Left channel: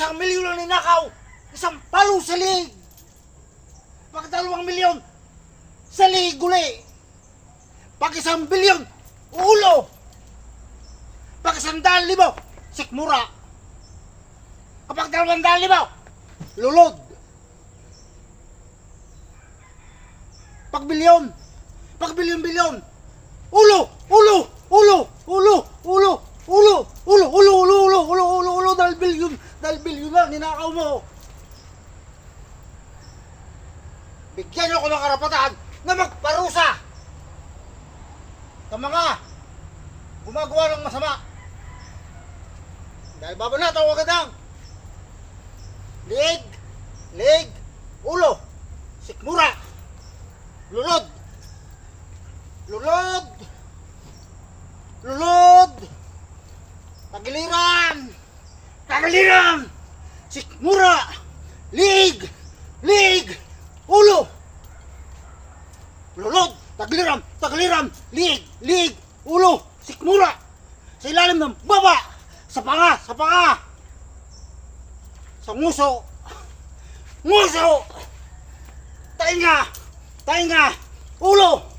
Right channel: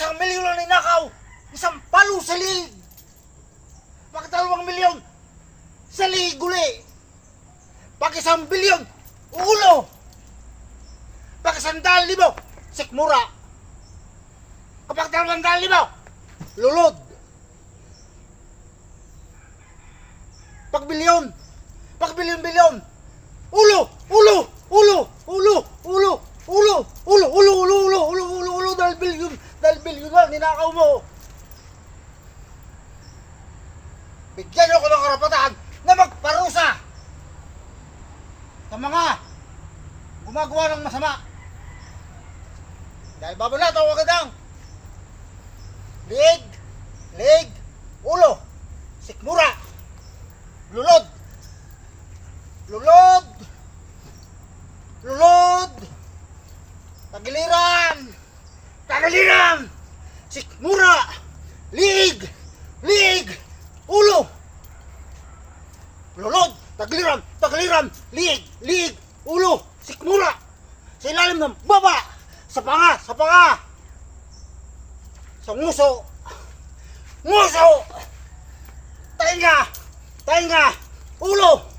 1 milyon ang ninakaw, 1 palo sa liig. Pag 2 milyon, sa liig uli. Pag 1 bilyon, ulo. Pag 100,000, sikmura. Kapag 200,000, lulod. Pag bilyon, pag bilyon-bilyon, ulo, ulo, ulo, ulo, ulo, ulo, ulo, ulo, ulo, ulo, ulo, ulo, ulo, dahil bilyon na, ninakaw mo. Bigyan niyo ako ng karapatan na magparusa sa mga gumagawa ng masama. Dahil babanat ako agad ang liig, ulo, sikmura, lulod, lulod, lulod, tagiliran, sikmura, liig, ulo, lulod, tagiliran, liig, ulo, sikmura, sa ilalim ng baba, sa panga, sa nguso, tainga, ulo,